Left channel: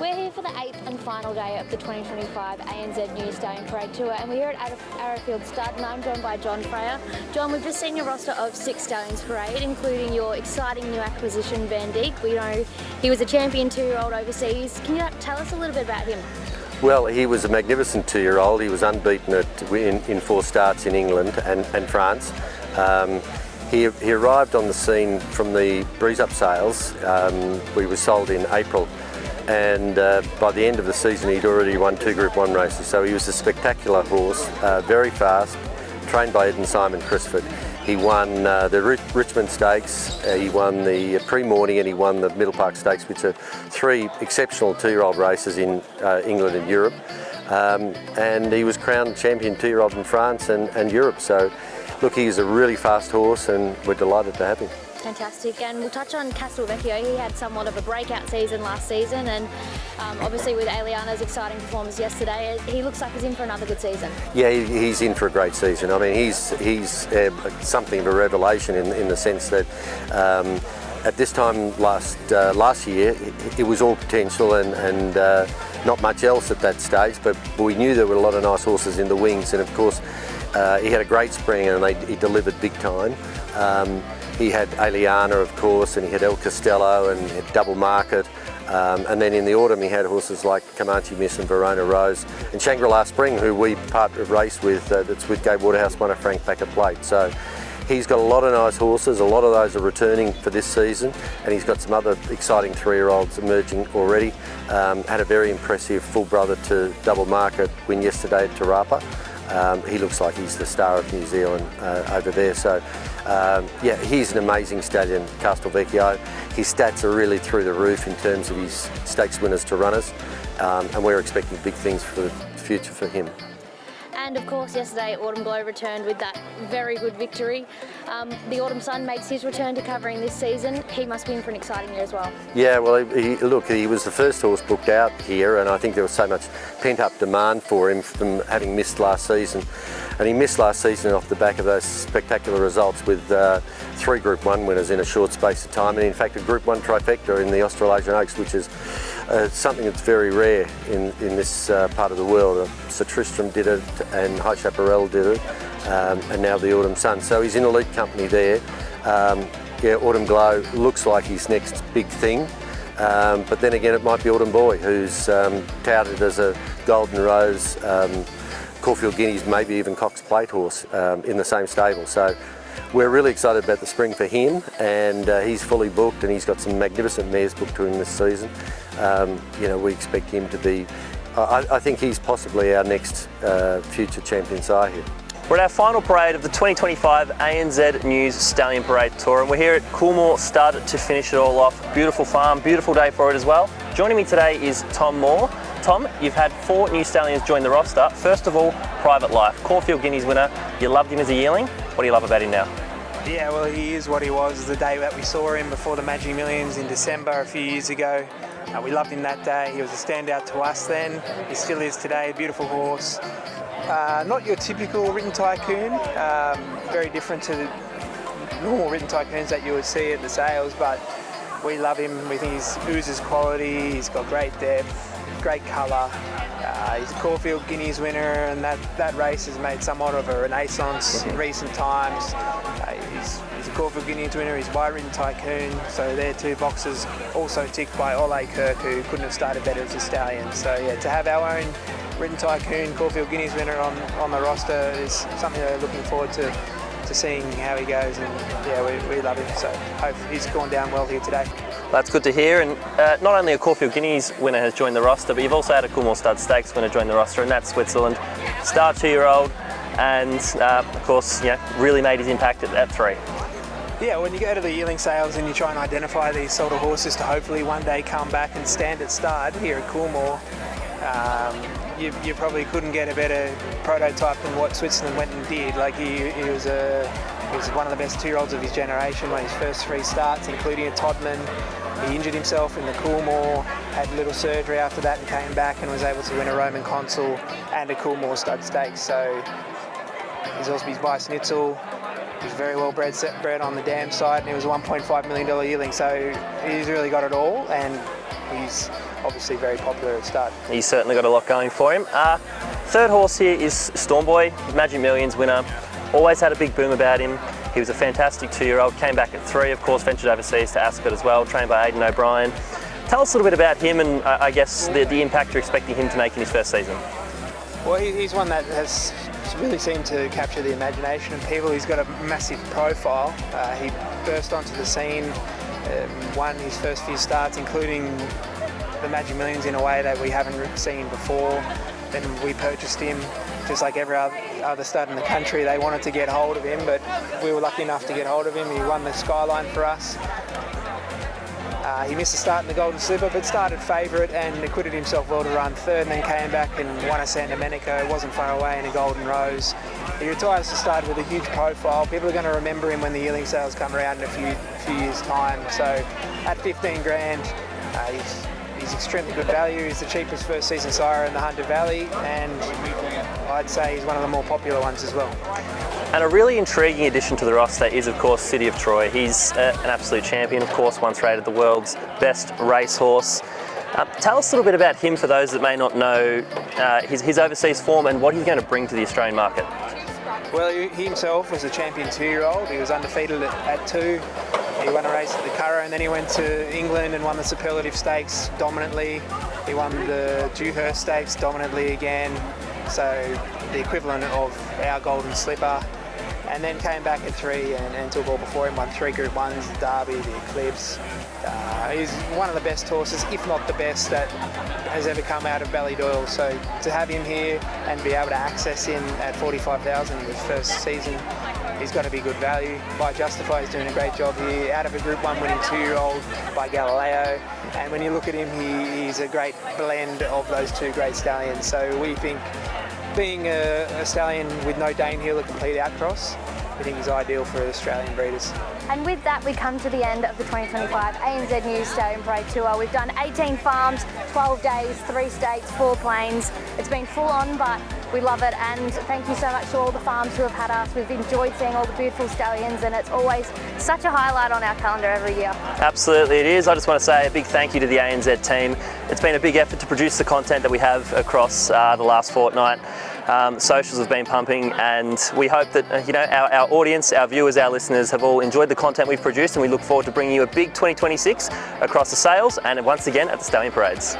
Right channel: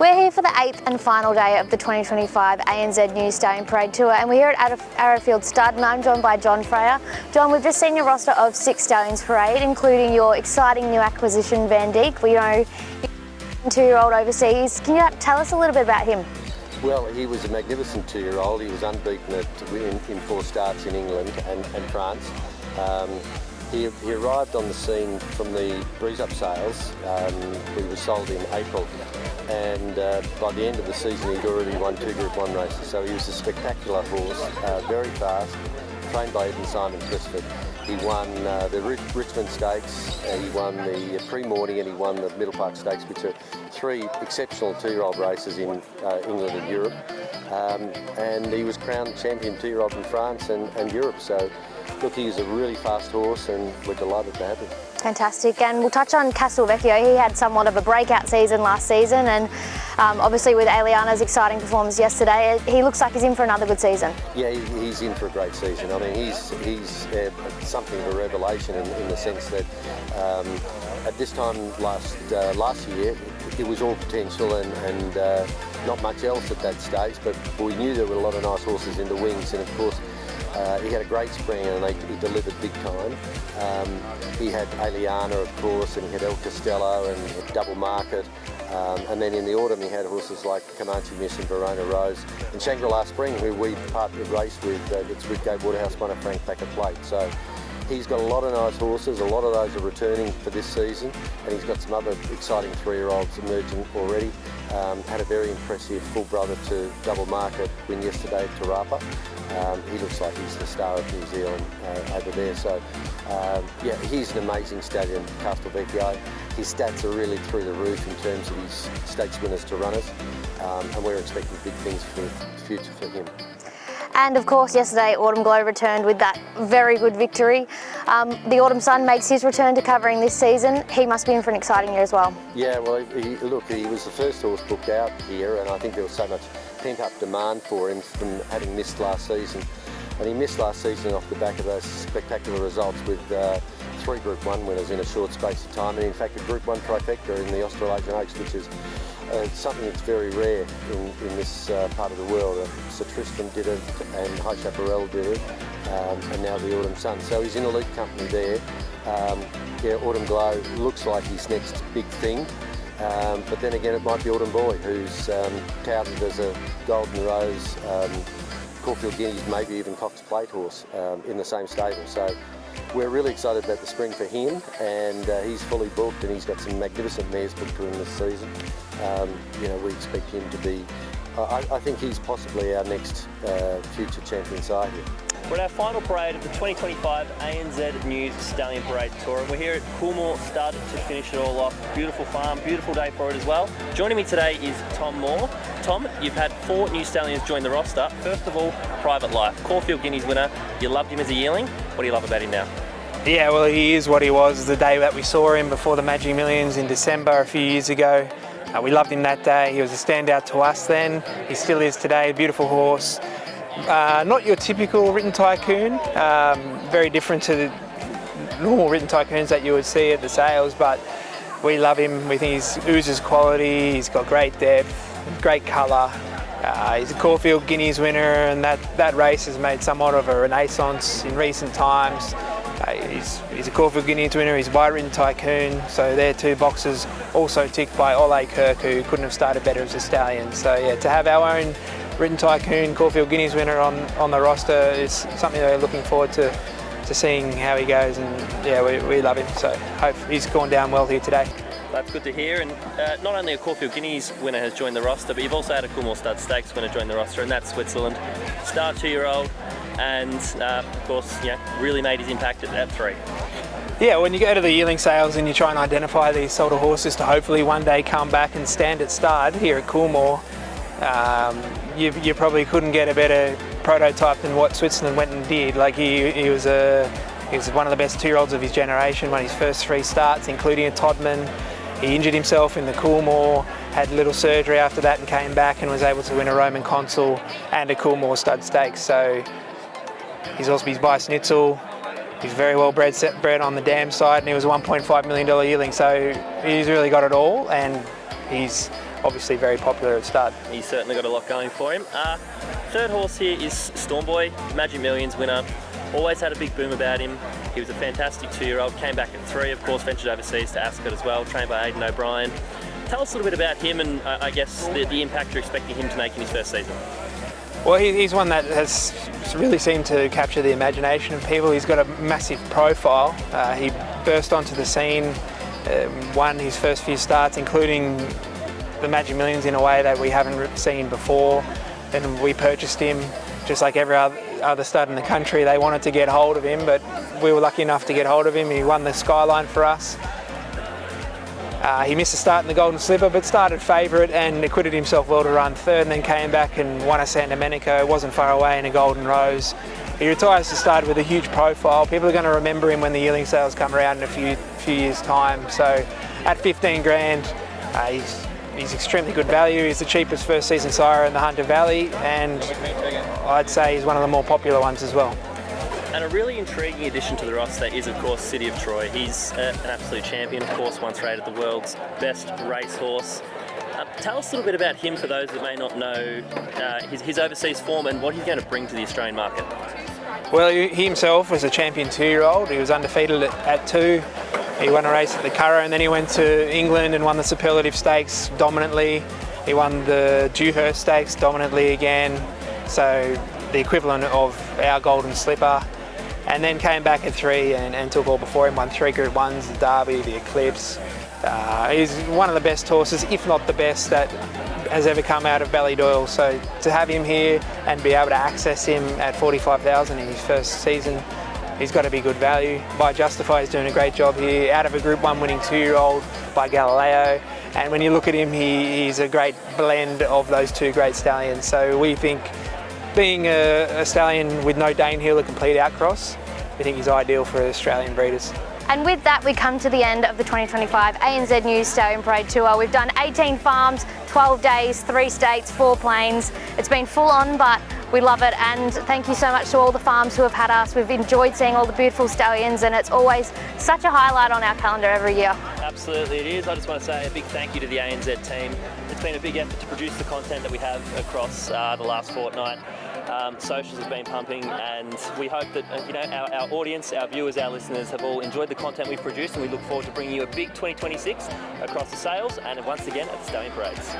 We're here for the 8th and final day of the 2025 ANZ New Stallion Parade Tour, and we're here at Arrowfield Stud, and I'm joined by John Freya. John, we've just seen your roster of 6 Stallions Parade, including your exciting new acquisition, Van Dijk. We know he was a champion 2-year-old overseas. Can you tell us a little bit about him? Well, he was a magnificent 2-year-old. He was unbeaten in 4 starts in England and France. He arrived on the scene from the breeze-up sales. We were sold in April, and by the end of the season he'd already won 2 Group 1 races. So he was a spectacular horse, very fast, trained by Ed and Simon Crisford. He won the Richmond Stakes, he won the pre-morning, and he won the Middle Park Stakes, which are 3 exceptional 2-year-old races in England and Europe. And he was crowned champion 2-year-old in France and Europe. So look, he's a really fast horse, and we're delighted to have him. Fantastic, and we'll touch on Castelvecchio. He had somewhat of a breakout season last season, and obviously with Eliana's exciting performance yesterday, he looks like he's in for another good season. Yeah, he's in for a great season. I mean, he's something of a revelation in the sense that at this time last year, it was all potential and not much else at that stage, but we knew there were a lot of nice horses in the wings, and of course, he had a great spring and he delivered big time. He had Eliana, of course, and he had El Costello and he had Double Market. And then in the autumn he had horses like Comanche Miss and Verona Rose. And Shangri-La Spring, who we race with, that's with Gabe Waterhouse, won a Frank Packer plate. So he's got a lot of nice horses. A lot of those are returning for this season, and he's got some other exciting 3-year-olds emerging already. Had a very impressive full brother to Double Market win yesterday at Te Rapa. He looks like he's the star of New Zealand over there. So, yeah, he's an amazing stallion, Castelvecchio. His stats are really through the roof in terms of his stakes winners to runners, and we're expecting big things for the future for him. And of course, yesterday, Autumn Glow returned with that very good victory. The Autumn Sun makes his return to covering this season. He must be in for an exciting year as well. Yeah, well, look, he was the first horse booked out here, and I think there was so much pent-up demand for him from having missed last season. And he missed last season off the back of those spectacular results with 3 Group 1 winners in a short space of time, and in fact a Group 1 trifecta in the Australasian Oaks, which is something that's very rare in this part of the world. Sir Tristram did it, and High Chaparral did it, and now the Autumn Sun. So he's in elite company there. Yeah, Autumn Glow looks like his next big thing, but then again it might be Autumn Boy, who's touted as a Golden Rose, Caulfield Guineas, maybe even Cox Plate horse in the same stable. So we're really excited about the spring for him, and he's fully booked, and he's got some magnificent mares booked to him this season. You know, we expect him to be, I think he's possibly our next future champion sire here. We're at our final parade of the 2025 ANZ News Stallion Parade Tour, and we're here at Coolmore Stud to finish it all off. Beautiful farm, beautiful day for it as well. Joining me today is Tom Moore. Tom, you've had 4 new stallions join the roster. First of all, Private Life, Caulfield Guineas winner. You loved him as a yearling. What do you love about him now? Yeah, well, he is what he was the day that we saw him before the Magic Millions in December a few years ago. We loved him that day. He was a standout to us then. He still is today. Beautiful horse. Not your typical written tycoon. Very different to the normal written tycoons that you would see at the sales, but we love him with his oozes quality. He's got great depth, great colour. He's a Caulfield Guineas winner, and that race has made somewhat of a renaissance in recent times. He's a Caulfield Guineas winner, he's by written tycoon, so they're 2 boxes also ticked by Ole Kirk, who couldn't have started better as a stallion. So yeah, to have our own written tycoon Caulfield Guineas winner on the roster is something that we're looking forward to seeing how he goes, and yeah, we love him, so hope he's gone down well here today. That's good to hear, and not only a Caulfield Guineas winner has joined the roster, but you've also had a Coolmore Stud Stakes winner join the roster, and that's Switzerland. Star 2-year-old, and of course, yeah, really made his impact at 3. Yeah, when you go to the yearling sales and you try and identify these sort of horses to hopefully one day come back and stand at stud here at Coolmore, you probably couldn't get a better prototype than what Switzerland went and did. Like he was one of the best 2-year-olds of his generation, won his first 3 starts, including a Todman. He injured himself in the Coolmore, had a little surgery after that and came back and was able to win a Roman Consul and a Coolmore Stud Stakes. So he's also by Schnitzel. He's very well bred on the dam side, and he was a $1.5 million yearling. So he's really got it all, and he's obviously very popular at stud. He's certainly got a lot going for him. Third horse here is Stormboy, Magic Millions winner. Always had a big boom about him. He was a fantastic 2-year-old, came back at 3, of course, ventured overseas to Ascot as well, trained by Aidan O'Brien. Tell us a little bit about him and I guess the impact you're expecting him to make in his first season. Well, he's one that has really seemed to capture the imagination of people. He's got a massive profile. He burst onto the scene, won his first few starts, including the Magic Millions in a way that we haven't seen before. Then we purchased him, just like every other stud in the country. They wanted to get hold of him, but we were lucky enough to get hold of him. He won the Skyline for us. He missed a start in the Golden Slipper, but started favourite and acquitted himself well to run third, and then came back and won a San Domenico. Wasn't far away in a Golden Rose. He retires to start with a huge profile. People are going to remember him when the yearling sales come around in a few years' time. So at 15 grand, he's extremely good value. He's the cheapest first season sire in the Hunter Valley, and I'd say he's one of the more popular ones as well. And a really intriguing addition to the roster is, of course, City of Troy. He's an absolute champion, of course, once rated the world's best racehorse. Tell us a little bit about him for those that may not know his overseas form and what he's going to bring to the Australian market. Well, he himself was a champion 2-year-old. He was undefeated at 2. He won a race at the Curragh, and then he went to England and won the Superlative Stakes dominantly. He won the Dewhurst Stakes dominantly again, so the equivalent of our Golden Slipper. And then came back at 3 and took all before him, won 3 Group 1s, the Derby, the Eclipse. He's one of the best horses, if not the best, that has ever come out of Ballydoyle. So to have him here and be able to access him at 45,000 in his first season, he's got to be good value. By Justify is doing a great job here, out of a Group 1 winning 2-year-old by Galileo. And when you look at him, he's a great blend of those 2 great stallions. So we think, being a stallion with no Danehill, a complete outcross, I think he's ideal for Australian breeders. And with that, we come to the end of the 2025 ANZ News Stallion Parade Tour. We've done 18 farms, 12 days, 3 states, 4 planes. It's been full on, but we love it. And thank you so much to all the farms who have had us. We've enjoyed seeing all the beautiful stallions, and it's always such a highlight on our calendar every year. Absolutely it is. I just want to say a big thank you to the ANZ team. It's been a big effort to produce the content that we have across the last fortnight. Socials have been pumping, and we hope that our audience, our viewers, our listeners have all enjoyed the content we've produced, and we look forward to bringing you a big 2026 across the sales and once again at the Stallion Parades.